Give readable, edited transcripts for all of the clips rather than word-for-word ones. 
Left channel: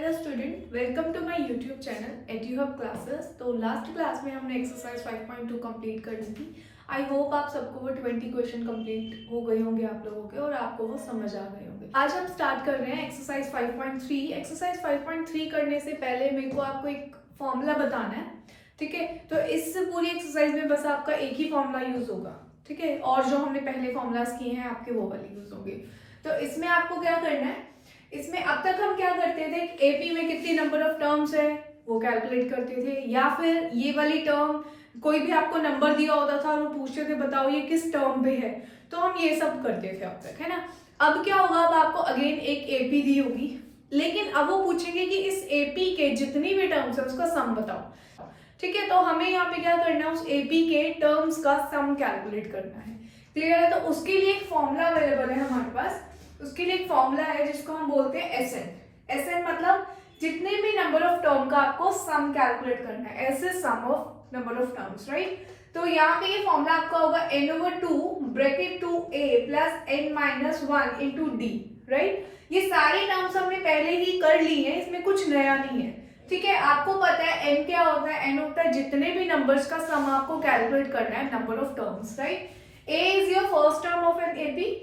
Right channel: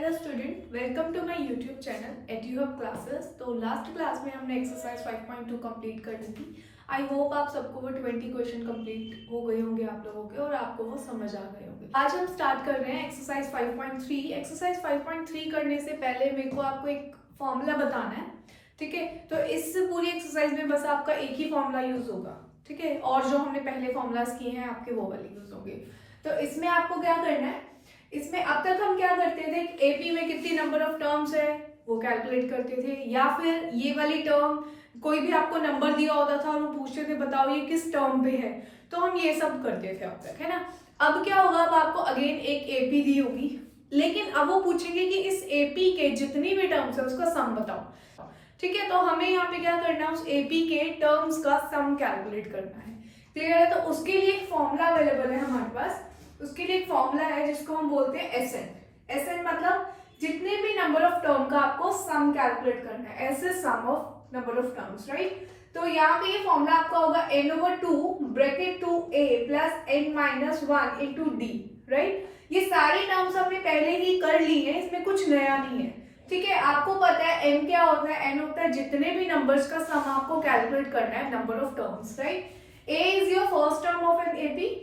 Hello student, welcome to my YouTube channel Eduhub classes. तो last class में हमने exercise 5.2 complete कर ली थी। आई होप आप सबको वो 20 क्वेश्चन कंप्लीट हो गए होंगे आप लोगों के और आपको वो समझ आ गए होंगे। आज हम स्टार्ट कर रहे हैं एक्सरसाइज 5.3। एक्सरसाइज 5.3 करने से पहले मेरे को आपको एक फॉर्मूला बताना है, ठीक है। तो इस पूरी एक्सरसाइज में बस आपका एक ही फॉर्मूला यूज होगा, ठीक है, और जो हमने पहले फॉर्मूलाज किए हैं आपके वो वाले यूज होंगे। तो इसमें आपको क्या करना है, इसमें अब तक हम क्या करते थे, एपी में कितनी नंबर ऑफ टर्म्स है वो कैलकुलेट करते थे, या फिर ये वाली टर्म कोई भी आपको नंबर दिया होता था और वो पूछते थे बताओ ये किस टर्म पे है, तो हम ये सब करते थे अब तक, है ना। अब क्या होगा, अब आपको अगेन एक एपी दी होगी, लेकिन अब वो पूछेंगे कि इस एपी के जितनी भी टर्म्स है उसका सम बताओ, ठीक है। तो हमें यहाँ पे क्या करना है, उस एपी के टर्म्स का सम कैलकुलेट करना है, क्लियर है। तो उसके लिए एक फॉर्मूला अवेलेबल है हमारे पास। उसके लिए एक फॉर्मूला है जिसको हम बोलते हैं एसएन। एसएन मतलब जितने भी नंबर ऑफ टर्म का आपको सम कैलकुलेट करना है, ऐसे sum of number of terms, right. तो यहाँ पे ये फॉर्मूला आपका होगा n/2 bracket 2a plus n-1 into D, right. ये सारे टर्म्स हमने पहले ही कर ली है, इसमें कुछ नया नहीं है, ठीक है। आपको पता है n क्या होता है, n होता है जितने भी नंबर्स का सम आपको कैलकुलेट करना है, number of terms, right. a is your first term of an AP,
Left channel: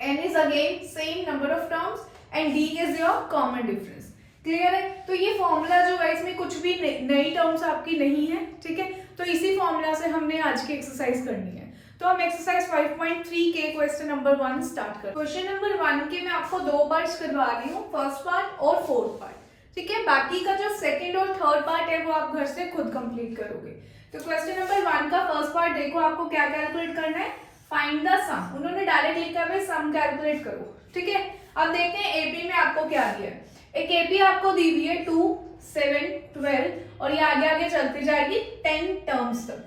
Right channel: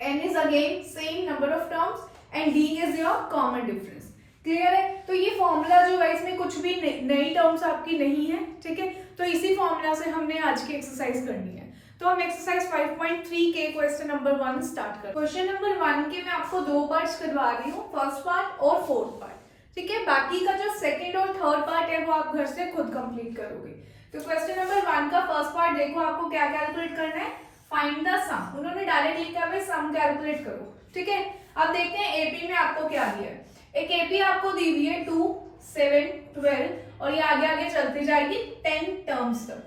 n is again same number of terms and d is your common difference, clear है। तो ये फॉर्मूला जो है इसमें कुछ भी नई टर्म्स आपकी नहीं है, ठीक है। तो इसी फॉर्मूला से हमने आज की एक्सरसाइज करनी है। तो हम एक्सरसाइज 5.3 के क्वेश्चन नंबर 1 स्टार्ट करते हैं। क्वेश्चन नंबर 1 के मैं आपको दो पार्ट्स करवा रही हूँ, फर्स्ट पार्ट और फोर्थ पार्ट, ठीक है। बाकी का जो सेकंड और थर्ड पार्ट है वो आप घर से खुद कंप्लीट करोगे। तो क्वेश्चन नंबर 1 का फर्स्ट पार्ट देखो, आपको क्या कैलकुलेट करना है, फाइंड द सम। उन्होंने डायरेक्ट लिखा है सम कैलकुलेट करो, ठीक है। अब देखते हैं एपी में आपको क्या दिया है। एक एपी आपको दी हुई है 2, 7, 12 और ये आगे आगे चलती जाएगी 10 टर्म्स तक,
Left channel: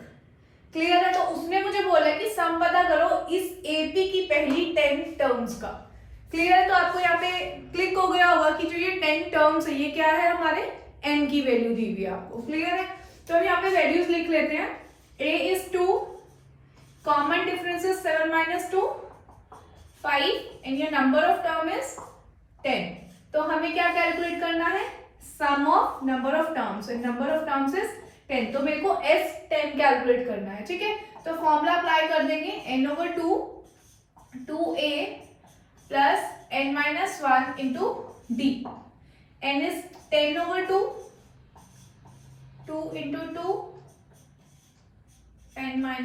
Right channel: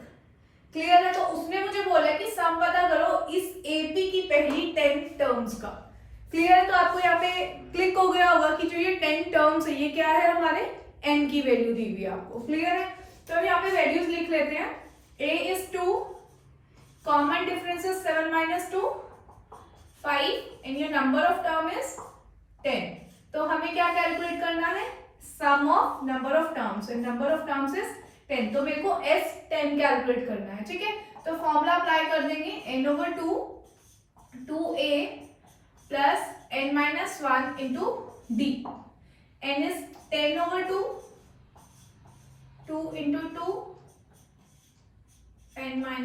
क्लियर है। तो उसने मुझे बोला कि सम पता करो इस एपी की पहली 10 टर्म्स का, क्लियर है। तो आपको यहाँ पे क्लिक हो गया होगा कि जो ये 10 टर्म्स है ये क्या है, हमारे एन की वैल्यू दी हुई है आपको, क्लियर है। तो हम यहाँ पे वैल्यूज लिख लेते हैं। ए is 2, common difference is 7 minus 2 5 and your number of term is 10। तो हमें क्या कैलकुलेट करना है, sum of number of terms and number of terms is 10। तो मेरे को S10 कैलकुलेट करना है, ठीक है। तो फॉर्मूला अप्लाई कर देंगे, n/2 2a plus n-1 into d। n is 10/2 2 into 2 n-1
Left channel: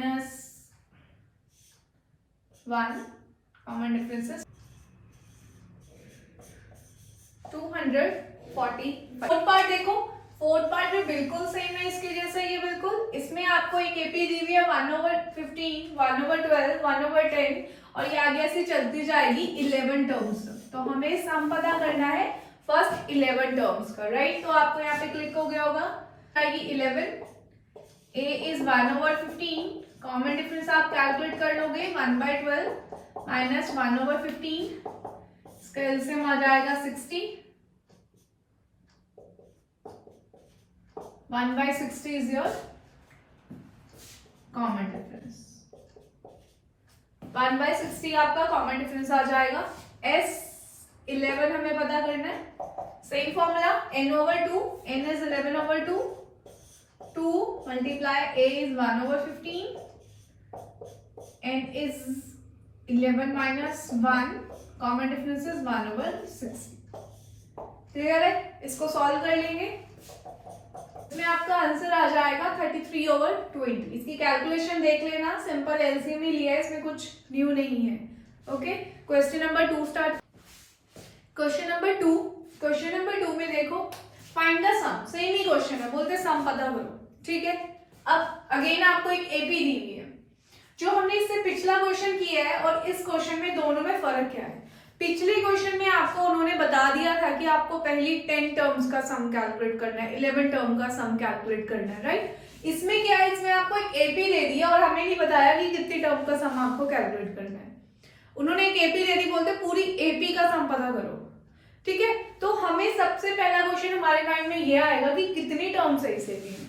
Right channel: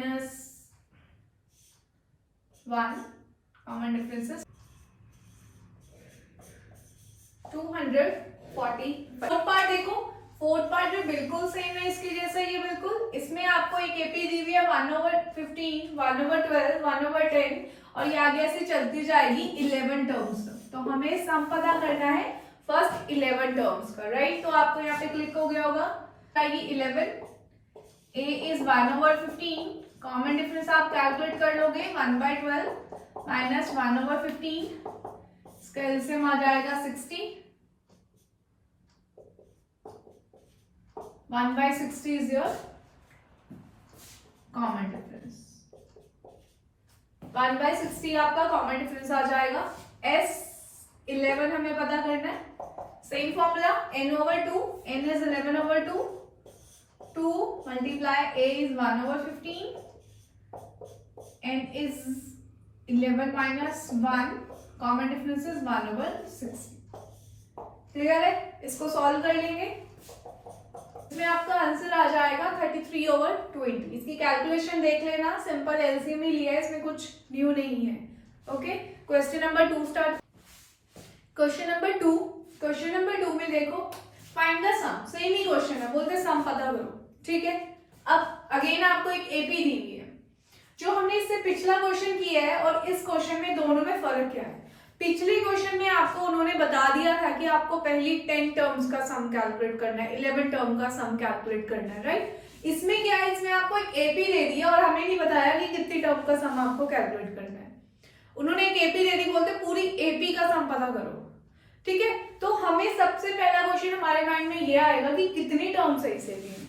common difference है 240। फोर्थ पार्ट देखो, फोर्थ पार्ट भी बिल्कुल सेम है इसके जैसा, ये बिल्कुल। इसमें आपको एक एपी दी हुई है 1/15 1/12 1/10 और ये आगे से चलती जाएगी 11 टर्म्स तक। तो हमें सम पता करना है फर्स्ट 11 टर्म्स का, राइट। तो आपको यहाँ पे क्लिक हो गया होगा, आएगी 11। a इज 1/15, कॉमन डिफरेंस आप कैलकुलेट कर लोगे 1/12 माइनस 1/15, इसका एलसीएम आ जाएगा 60। 1/60 इज योर कॉमन डिफरेंस, 1/60 आपका कॉमन डिफरेंस आ जाएगा। S11 हमें पता करना है, same formula n/2, n is 11/2 2 multiply a is 1/15 and is 11 minus 1, common difference is 1/60, clear है। इसको सॉल्व कर लेंगे, इसमें आपका आंसर आ जाएगा 33/20। इसकी कैलकुलेशन देख लेना, सिंपल एलसीएम ही लिया है, इसमें कुछ न्यू नहीं है, okay. Question number 2 start. Question number 2 में देखो, फाइंड द सम, सेम ही क्वेश्चन है, बोलते सम पता करो, ठीक है। अब अगेन आपको एक एपी दी हुई है, जो हमने इससे पिछला क्वेश्चन किया है और इस क्वेश्चन में दोनों में फर्क क्या है। पिछले क्वेश्चन में आपको उन्होंने बता दिया था कि आपको पहली 10 टर्म्स का सम कैलकुलेट करना है, 11 टर्म का सम कैलकुलेट करना है, राइट। इसमें क्या है, इसमें आपको एक एपी दे दिया और हमें नहीं बताया कि कितनी टर्म का सम आपको कैलकुलेट करना है। उन्होंने एक एपी दे दी, बोलते पूरी एपी का सम पता करो, ठीक है। तो हमें सबसे पहला क्वेश्चन हमारे माइंड में ये आएगा कि कितनी टर्म्स है इस एपी में,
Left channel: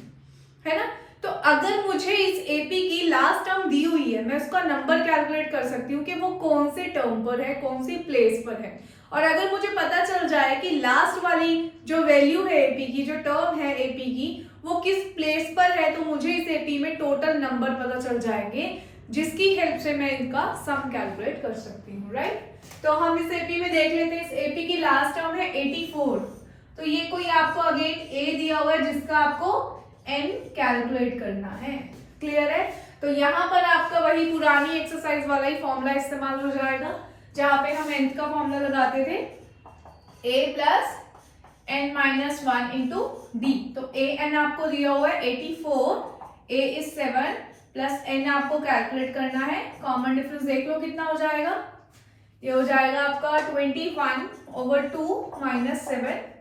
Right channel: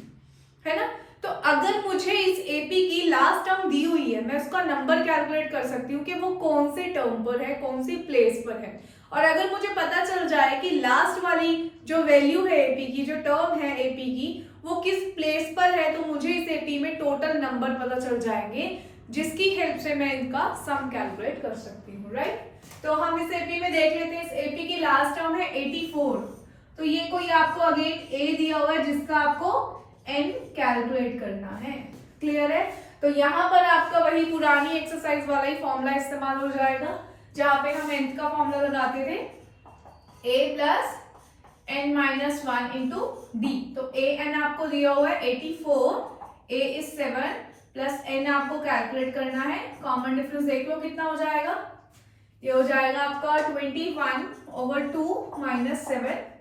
है ना। तो अगर मुझे इस एपी की लास्ट टर्म दी हुई है, मैं उसका नंबर कैलकुलेट कर सकती हूँ कि वो कौन से टर्म पर है, कौन सी प्लेस पर है। और अगर मुझे पता चल जाए कि लास्ट वाली जो वैल्यू है एपी की, जो टर्म है एपी की, वो किस प्लेस पर है, तो मुझे इस एपी में टोटल नंबर पता चल जाएंगे, जिसकी हेल्प से मैं इनका सम कैलकुलेट कर सकती हूँ, राइट। तो हम इस एपी में देख लेते हैं। इस एपी की लास्ट टर्म है 84। तो ये कोई आपको अगेन ए दिया हुआ है जिसका आपको एन कैलकुलेट करना है। क्लियर है। तो यहाँ पर आपका वही पुरानी एक्सरसाइज वाला ही फॉर्मूला इस्तेमाल हो जाएगा, जहां पे हम nth का फॉर्मूला लगाते थे a plus n minus 1 into D. तो a n आपको दिया हुआ है 84, a इज 7 प्लस n आपको कैलकुलेट करना है। कॉमन डिफरेंस देख लो कितना हो जाएगा, ये हो जाएगा आपका 21/2 माइनस 7/2,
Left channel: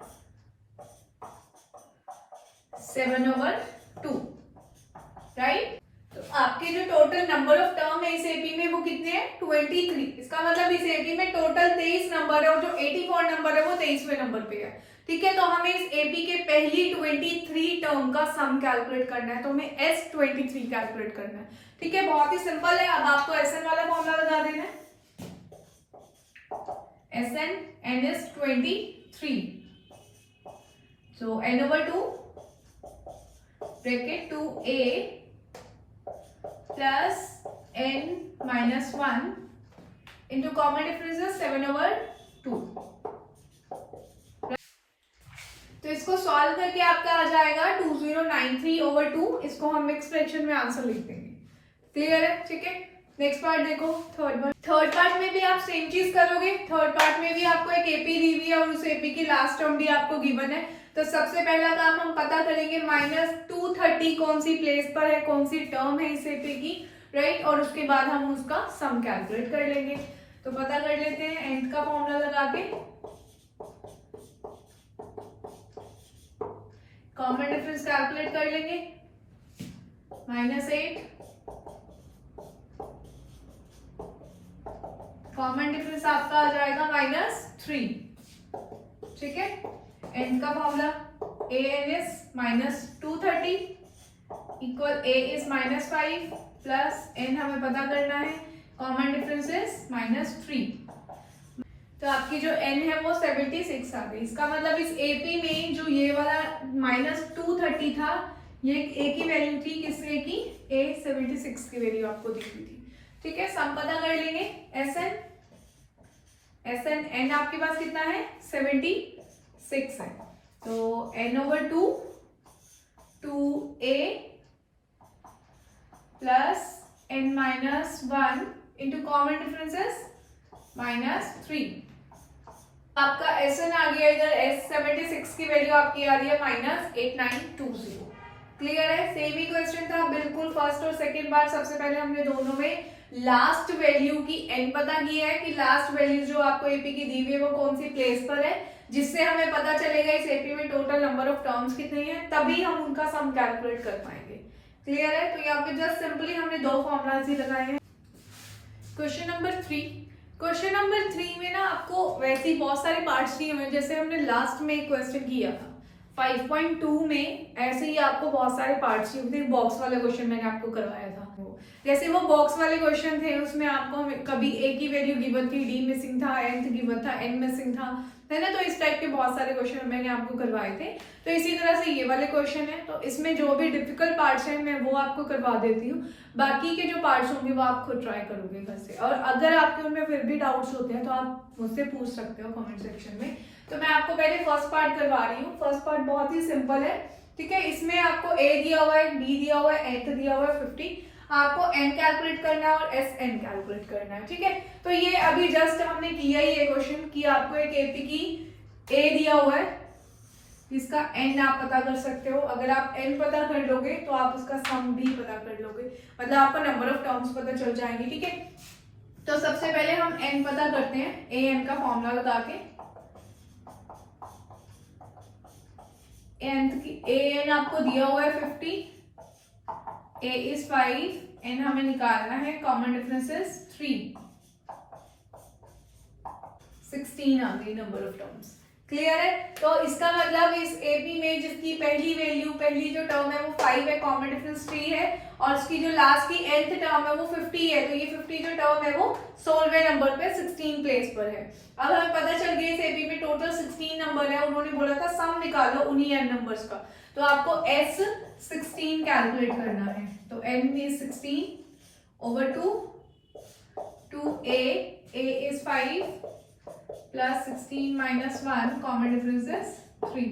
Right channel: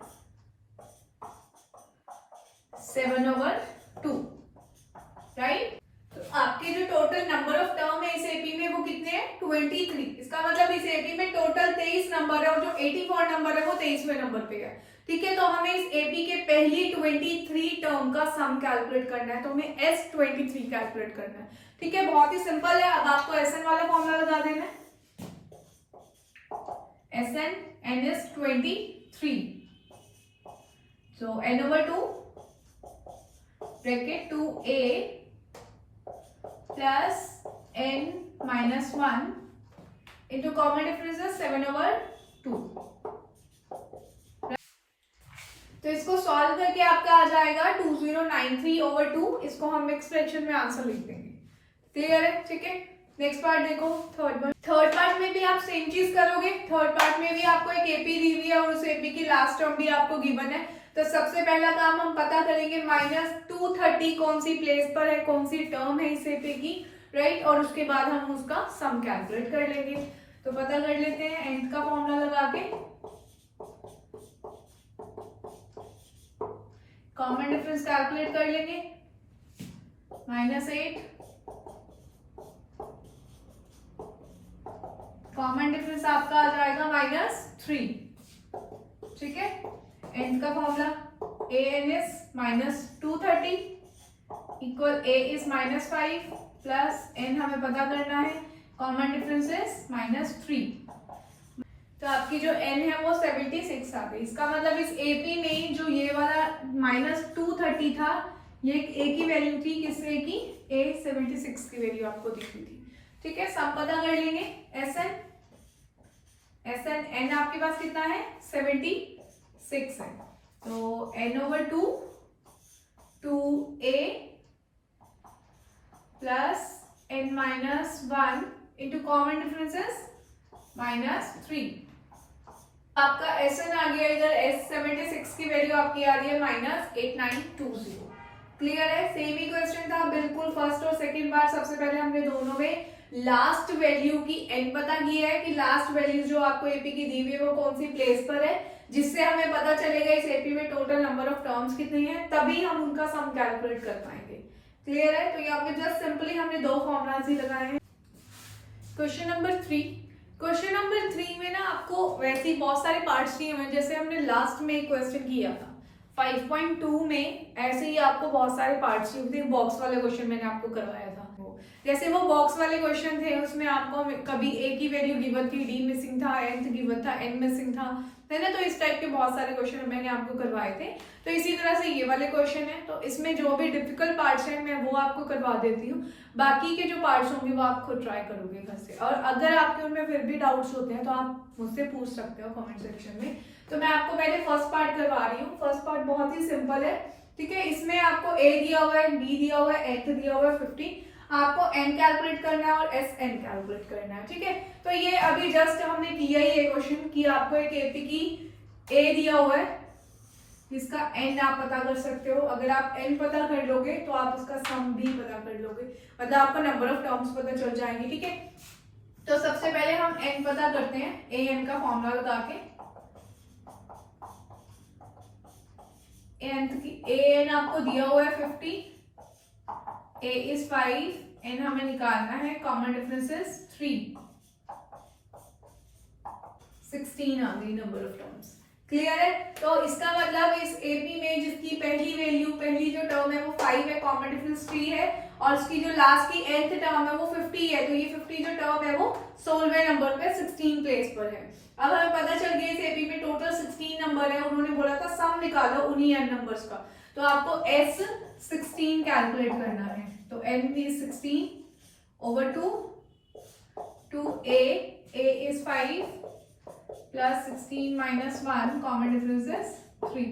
राइट। तो आपके जो टोटल नंबर ऑफ टर्म है इस एपी में वो कितने हैं, 23। इसका मतलब इस एपी में टोटल 23 नंबर है और जो 84 नंबर है वो 23वें नंबर पे है। ठीक है। तो हमें इस एपी के पहली 23 टर्म का सम कैलकुलेट करना है, तो हमें S23 कैलकुलेट करना है। ठीक है, बहुत ही सिंपल है। अब आपको SN वाला फॉर्मूला लगा देना है। SN n is 23, so n/2 bracket 2a plus n minus 1 into common difference है 7/2। तो इसको सॉल्व करके आपका आ जाएगा 2093/2। इसको हम मिक्स फ्रैक्शन में आंसर लिख देंगे। क्लियर है। ठीक है, नेक्स्ट पार्ट देखो, थर्ड पार्ट में भी आप सेम चीज करोगे। थर्ड पार्ट में भी आपको एक एपी दी हुई है और उस एपी की लास्ट टर्म भी आपको गिवन है। तो सबसे पहला काम हम पता करेंगे -230 कौन सी प्लेस पर है, कौन सी टर्म है इस एपी की, राइट। और उसके बाद हम उसका सम कैलकुलेट कर लेंगे। तो पता कर लेते हैं nth का फॉर्मूला लगा के। कॉमन डिफरेंस कैलकुलेट कर लेंगे, -8, कॉमन डिफरेंस आपका आ जाएगा -3। ठीक है। nth का formula an is -230 equal a is -5 plus n हमें पता करना है, कॉमन डिफरेंस इज -3। तो आपकी जो n है वो 76 आ गई। इसका मतलब इस एपी में जो ये वाला -230 था, ये a की वैल्यू थी, किस a की, a 76 की वैल्यू आपको दिख रही थी। ठीक है, सम पता कर लेंगे। SN n आपके पास कितना है, 76 है। तो n/2 2a plus n minus 1 into common differences -3। आपका SN आ गया इधर, S76 की वैल्यू आपकी आ रही है -8920। क्लियर है। सेम ही क्वेश्चन था बिल्कुल, फर्स्ट और सेकंड पार्ट। सबसे पहले हमने दोनों में लास्ट वैल्यू की n पता किया है कि लास्ट वैल्यू जो आपको एपी की दी हुई है वो कौन सी प्लेस पर है, जिससे हमें पता चलेगा इस एपी में टोटल नंबर ऑफ टर्म्स कितनी है, तभी हम उनका सम कैलकुलेट कर पाएंगे। क्लियर है। तो यहाँ पे जस्ट सिंपली हमने दो फॉर्मूलाज ही लगाए हैं। Question number 3। क्वेश्चन नंबर 3 में ना आपको वैसे ही बहुत सारे पार्ट्स दिए हुए, जैसे हमने लास्ट में एक क्वेश्चन किया था 5.2 में, ऐसे ही आपको बहुत सारे पार्ट्स दिए थे। बॉक्स वाले क्वेश्चन मैंने आपको करवाया था। जैसे वो बॉक्स वाले क्वेश्चन थे, उसमें आपको कभी a की वैल्यू गिवन थी, d मिसिंग था, nth गिवन था, n मिसिंग था, है ना। तो इस टाइप के बहुत सारे क्वेश्चन मैंने आपको करवाए थे। तो इसी तरह से ये वाले क्वेश्चन है, तो इसमें जो भी डिफिकल्ट पार्ट्स हैं मैं वो आपको करवा देती हूँ। बाकी के जो पार्ट्स होंगे वो आप खुद ट्राई करोगे घर से। और अगर आपके उनमें फिर भी डाउट्स होते हैं तो आप मुझसे पूछ सकते हो कमेंट सेक्शन में। तो मैं आपको पहले फर्स्ट पार्ट करवा रही हूँ। फर्स्ट पार्ट बहुत ही सिंपल है। ठीक है, इसमें आपको a दिया हुआ है, d दिया हुआ है, nth दिया हुआ है 50। आपको n कैलकुलेट करना है और SN कैलकुलेट करना है। ठीक है, तो ये अभी जस्ट हमने किया ही ये क्वेश्चन कि आपको एक एपी की a दिया हुआ है, इसका n आप पता कर सकते हो। अगर आप n पता कर लोगे तो आप उसका सम भी पता कर लोगे, मतलब आपको नंबर ऑफ टर्म्स पता चल जाएंगे। ठीक है, तो सबसे पहले हम n पता करते हैं, an का फॉर्मूला लगा के। an आपको दिया हुआ है 50, a is 5, n हमें निकालना है, कॉमन डिफरेंस इज 3, 16 आ गई नंबर ऑफ टर्म्स। क्लियर है? तो इसका मतलब इस एपी में जिसकी पहली जो टर्म है वो 5 है, कॉमन डिफरेंस 3 है, और उसकी जो लास्ट की nth टर्म है वो 50 है, तो ये 50 जो टर्म है वो 16वें नंबर पे 16 प्लेस पर है। अब हमें पता चल गया इस एपी में टोटल 16 नंबर है, उन्होंने बोला था सम निकालो उन्हीं n नंबर्स का, तो आपको s 16 कैलकुलेट करना है। तो n is 16 over 2 a is 5 plus 16 minus 1 common difference is 3।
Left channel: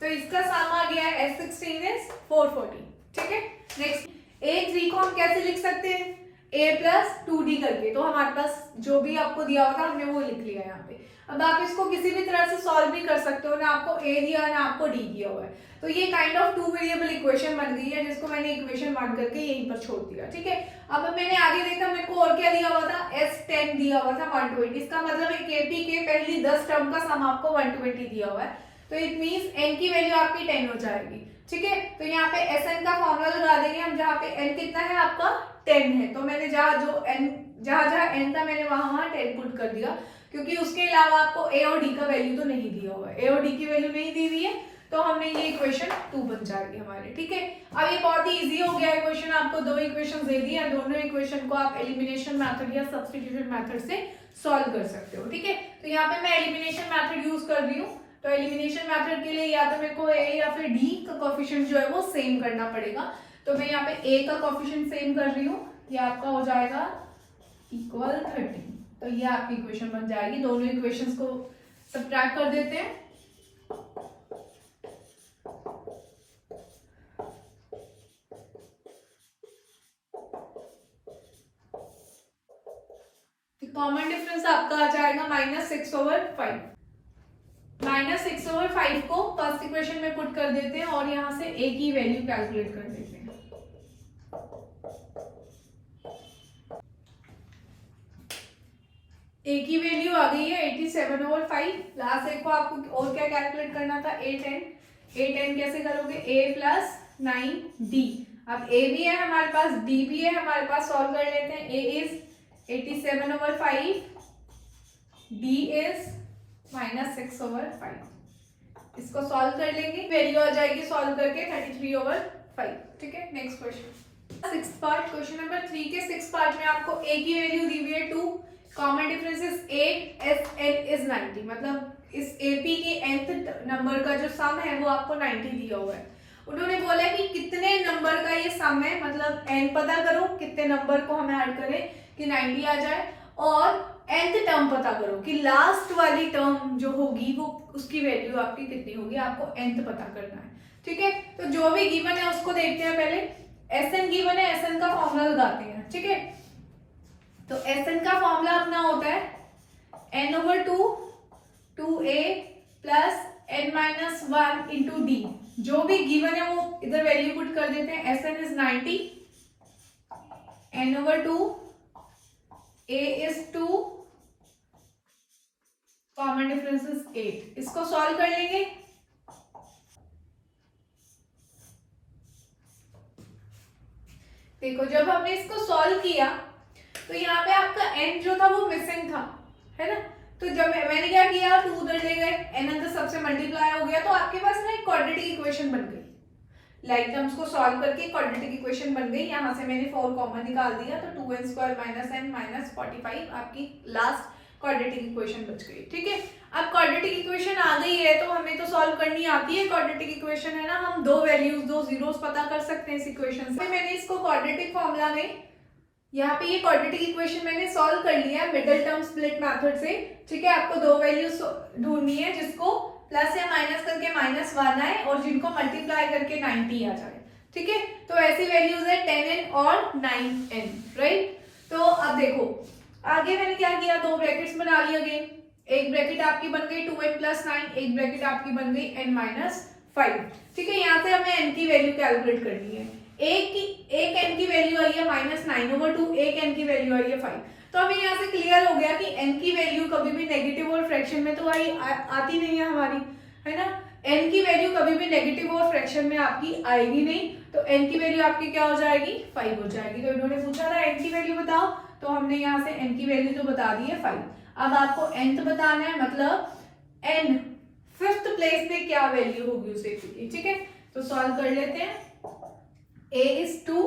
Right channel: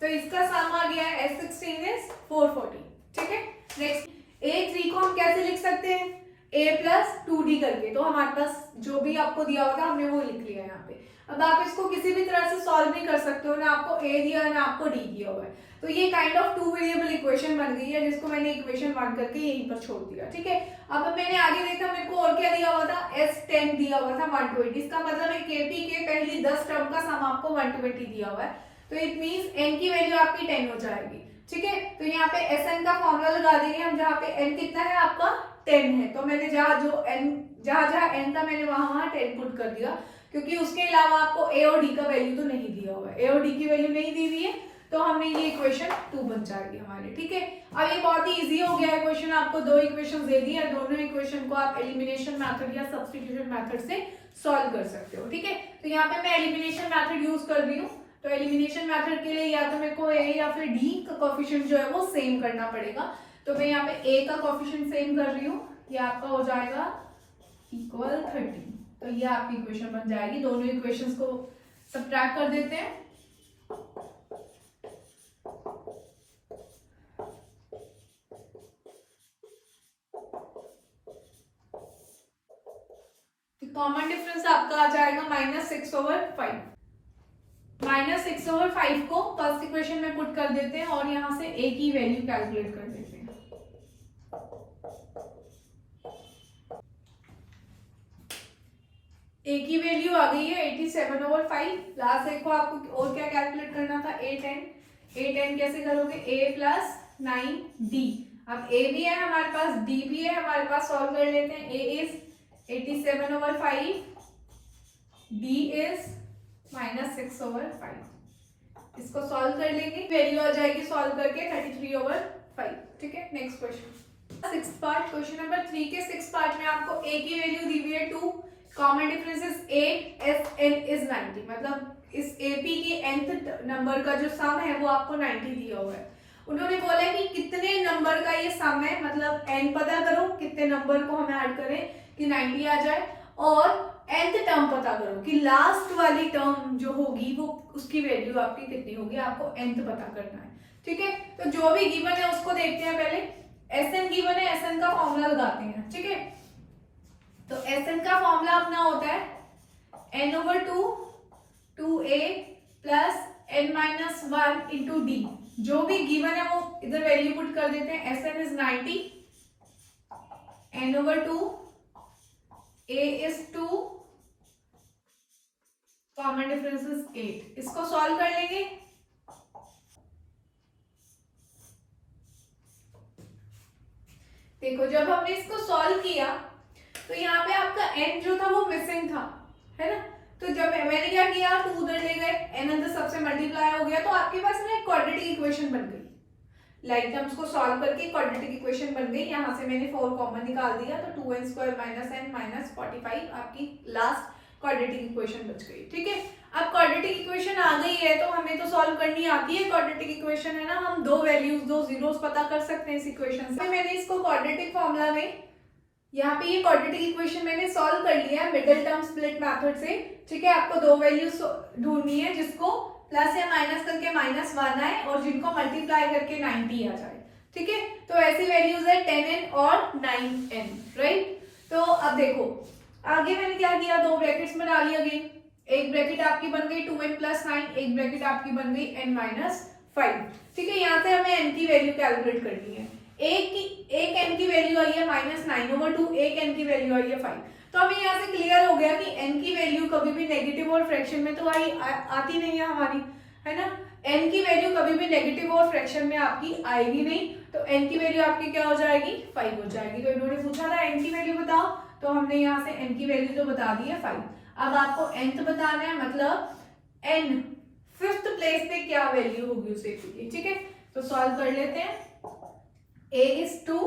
तो इसका सम आ गया है S16 is 440। ठीक है, नेक्स्ट A3 को हम कैसे लिख सकते हैं? A plus 2D करके, तो हमारे पास जो भी आपको दिया हुआ था हमने वो लिख लिया यहाँ पे। अब आप इसको किसी भी तरह से सॉल्व नहीं कर सकते हो, ना आपको A दिया ना आपको D दिया हुआ है, तो ये काइंड ऑफ 2 वेरिएबल इक्वेशन बन गई है, जिसको मैंने इक्वेशन 1 करके यहीं पर छोड़ दिया। ठीक है, अब मैंने आगे देखा मेरे को और क्या दिया हुआ था, S10 दिया हुआ था 120। इसका मतलब एक एपी के पहली 10 टर्म का सम आपको 120 दिया हुआ है, तो इट मींस n की वैल्यू आपकी 10 हो जाएगी। ठीक है, तो यहाँ पे Sn का फॉर्मूला लगा देंगे हम, जहाँ पे n कितना है आपका 10 है, तो मैंने जहाँ n था मैंने वहां 10 पुट कर दिया, क्योंकि उसके अलावा आपको a और d का वैल्यू तो नहीं दिया हुआ है, a और d की वैल्यू नहीं दी हुई है, तो हमने ये इक्वेशन 2 बन जाएगी हमारे। ठीक है, अब ये बहुत ही इजी हो गया इक्वेशन, आपको 2 इक्वेशन दे दी है, दोनों इक्वेशन को आप एलिमिनेशन मेथड या सब्स्टिट्यूशन मेथड से सॉल्व कर सकते हो। ठीक है, तो यहाँ पे मैं एलिमिनेशन मेथड यूज कर रही हूँ, तो एलिमिनेशन मेथड के लिए या तो मेरे को a या फिर d का कोएफिशिएंट जो है वो सेम करना पड़ेगा, तो मैं यहाँ पे a का कोएफिशिएंट सेम कर रही हूँ, ये आपका हो जाएगा इक्वल 30, तो ये आपकी इक्वेशन बन जाएगी। दोनों इक्वेशंस को सब्ट्रैक्ट कर देते हैं, कॉमन डिफरेंस आपका आ जाएगा -6/5। -6/5 को फर्स्ट इक्वेशन में पुट कर देते हैं और यहां से a की वैल्यू कैलकुलेट कर देते हैं। a की वैल्यू आ गई है 87/5। लास्ट एक को आपको और क्या कैलकुलेट करना था, a10 कैसे करोगे, a plus 9d। अब a भी है हमारे पास, d भी है हमारे पास, सॉल्व कर लेते हैं। a is 87/5, d is -6/5, इसको सॉल्व कर लेंगे, वैल्यू आ जाएगी सॉल्व करके 33/5। ठीक है, next question, six part, question number 3 के सिक्स पार्ट में आपको a की वैल्यू दी हुई है 2, common difference is 8, Sn is 90, मतलब इस AP के nth नंबर का जो सम है वो आपको 90 दिया हुआ है। उन्होंने बोला कि कितने नंबर का ये सम है, मतलब n पता करो कितने नंबर को हम ऐड करें कि 90 आ जाए, और nth टर्म पता करो कि लास्ट वाली टर्म जो होगी वो उसकी वैल्यू आपकी कितनी होगी, आपको nth पता करना है। ठीक है, तो जो भी गिवन है उसको देखते हैं पहले। Sn गिवन है, Sn का फॉर्मूला लगाते हैं। ठीक है, तो Sn का फॉर्मूला अपना होता है n/2 2a plus n-1 into d। जो भी गिवन है वो इधर वैल्यू पुट कर देते हैं। Sn is 90, n/2, a is 2, common difference is 8। इसको सॉल्व कर लेंगे। देखो जब हमने इसको सॉल्व किया तो यहाँ पे आपका n जो था वो मिसिंग था, है ना, तो जब मैंने क्या किया, 2 उधर ले गए, n अंदर सबसे मल्टीप्लाई हो गया, तो आपके पास ना एक क्वाड्रेटिक इक्वेशन बन गई। लाइक टर्म्स को सॉल्व करके क्वाड्रेटिक इक्वेशन बन गई। यहाँ से मैंने 4 कॉमन निकाल दिया, तो 2n² - n - 45 आपकी लास्ट क्वाड्रेटिक इक्वेशन बच गई। ठीक है, अब क्वाड्रेटिक इक्वेशन आ गई है तो हमें तो सॉल्व करनी आती है क्वाड्रेटिक इक्वेशन, है ना, हम दो वैल्यूज, दो जीरोस पता कर सकते हैं इस इक्वेशन से। मैंने इसको क्वाड्रेटिक फॉर्मूला में, यहाँ पे ये क्वाड्रेटिक इक्वेशन मैंने सॉल्व कर लिया मिडिल टर्म स्प्लिट मेथड से। ठीक है, आपको दो वैल्यूज ढूंढनी है जिसको प्लस या माइनस करके -1 आए और जिनको मल्टीप्लाई करके 90 आ जाए। ठीक है, तो ऐसी वैल्यूज है 10n और 9n, राइट। तो अब देखो आगे मैंने क्या किया, दो ब्रैकेट्स बना ली अगेन। एक ब्रैकेट आपकी बन गई 2n + 9, एक ब्रैकेट आपकी बन गई n - 5। ठीक है, यहाँ से हमें n की वैल्यू कैलकुलेट करनी है। एक n की वैल्यू आई है -9/2, एक n की वैल्यू आई है 5। तो हमें यहाँ से क्लियर हो गया कि n की वैल्यू कभी भी नेगेटिव और फ्रैक्शन में तो आती नहीं है हमारी, है ना। n की वैल्यू कभी भी नेगेटिव और फ्रैक्शन में आपकी आएगी नहीं, तो n की वैल्यू आपकी क्या हो जाएगी, 5 हो जाएगी। तो इन्होंने पूछा था n की वैल्यू बताओ, तो हमने यहाँ से n की वैल्यू तो बता दी है 5। अब आपको nth बताना है, मतलब n फिफ्थ प्लेस पे क्या वैल्यू होगी उस एपी की, ठीक है। तो सॉल्व कर लेते हैं। a is 2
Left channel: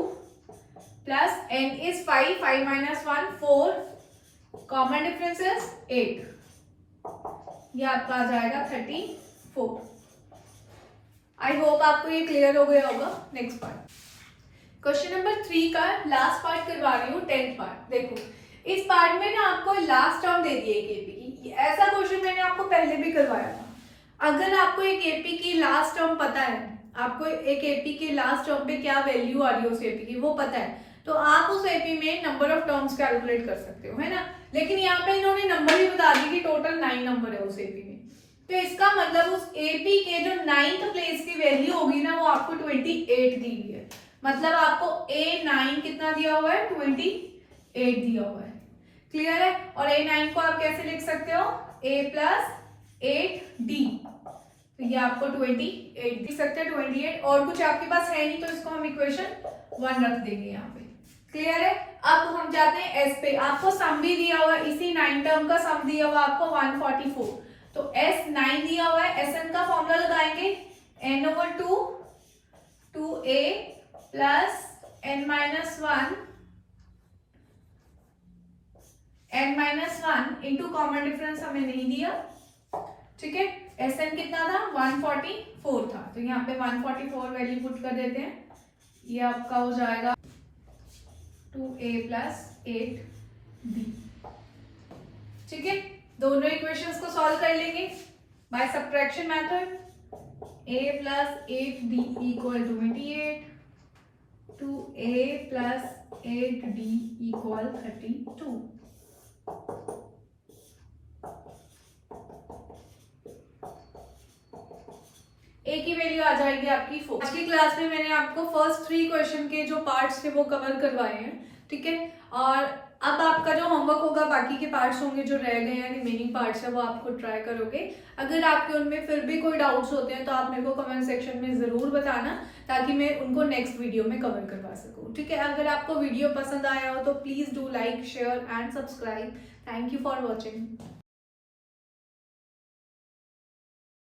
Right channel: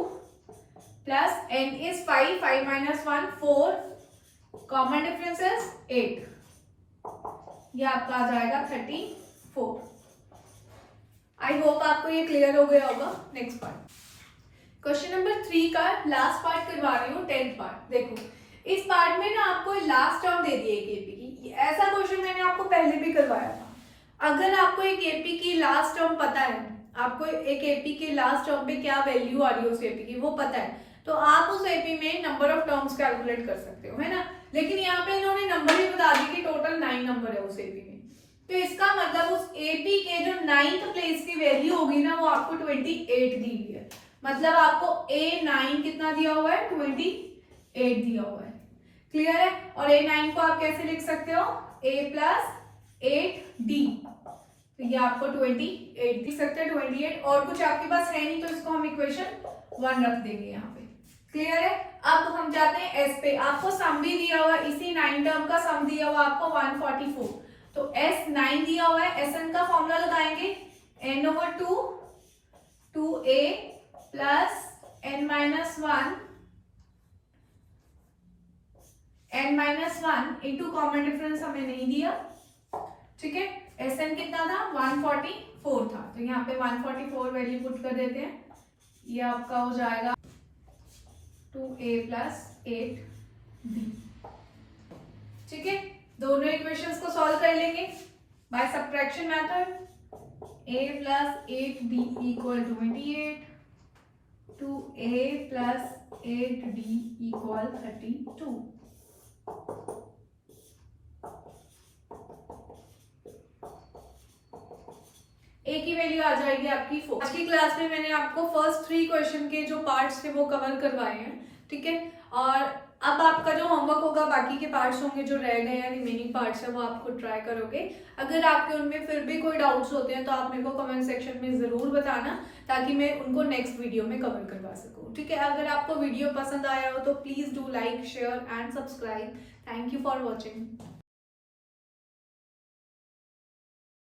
plus n is 5, 5 minus 1 4, common difference is 8, ये आपका आ जाएगा 34। आई होप आपको ये क्लियर हो गया होगा। नेक्स्ट पार्ट, क्वेश्चन नंबर 3 का लास्ट पार्ट करवा रही हूँ, 10th पार्ट। देखो इस पार्ट में ना आपको लास्ट टर्म दे दी है एक एपी की। ऐसा क्वेश्चन मैंने आपको पहले भी करवाया था। अगर आपको एक एपी की लास्ट टर्म पता है, आपको एक एपी की लास्ट टर्म पे क्या वैल्यू आ रही है उस एपी की वो पता है, तो आप उस एपी में नंबर ऑफ टर्म्स कैलकुलेट कर सकते हो, है ना। लेकिन यहाँ पे इन्होंने नंबर भी बता दी कि टोटल 9 नंबर है उस एपी में। तो इसका मतलब उस एपी के जो 9th प्लेस की वैल्यू होगी ना वो आपको 28 दी हुई है। मतलब आपको A9 कितना दिया हुआ है, 28 दिया हुआ है। क्लियर है। और A9 को आप कैसे लिख सकते हो, A प्लस 8D, तो ये आपको 28 लिख सकते हैं, 28। और कुछ आपके पास है नहीं तो इसको हम इक्वेशन 1 रख देंगे यहाँ पे। क्लियर है। अब हम जाते हैं S पे। आपको सम भी दिया हुआ है, इसी 9 टर्म का सम दिया हुआ आपको 144। तो S9 दिया हुआ है, Sn का फॉर्मूला लगाएंगे n/2 2a plus n-1 into common difference हमें नहीं दिया, ठीक है। Sn कितना था, 144 था, तो यहाँ पे 144 वैल्यू पुट कर देते हैं। ये आपका हो जाएगा 2a प्लस 8d, ठीक है। दोनों इक्वेशंस को सॉल्व कर लेंगे by subtraction method. a plus 8d equal 28, 2a plus 8d equal 32। A की वैल्यू आ जाएगी आपकी 4। आज की क्लास में मैंने आपको फर्स्ट 3 क्वेश्चन के जो पार्ट्स थे वो कवर करवाए हैं, ठीक है। और अब आपका जो होमवर्क होगा, बाकी के पार्ट्स होंगे जो रह गए हैं, रिमेनिंग पार्ट्स है, वो आपको ट्राई करोगे। अगर आपके उनमें फिर भी कोई डाउट्स होते हैं तो आप मेरे को कमेंट सेक्शन में ज़रूर बताना, ताकि मैं उनको नेक्स्ट वीडियो में कवर करवा सकूँ, ठीक है। अगर आपको वीडियो पसंद आया हो तो please do like, share and subscribe. Thank you for watching.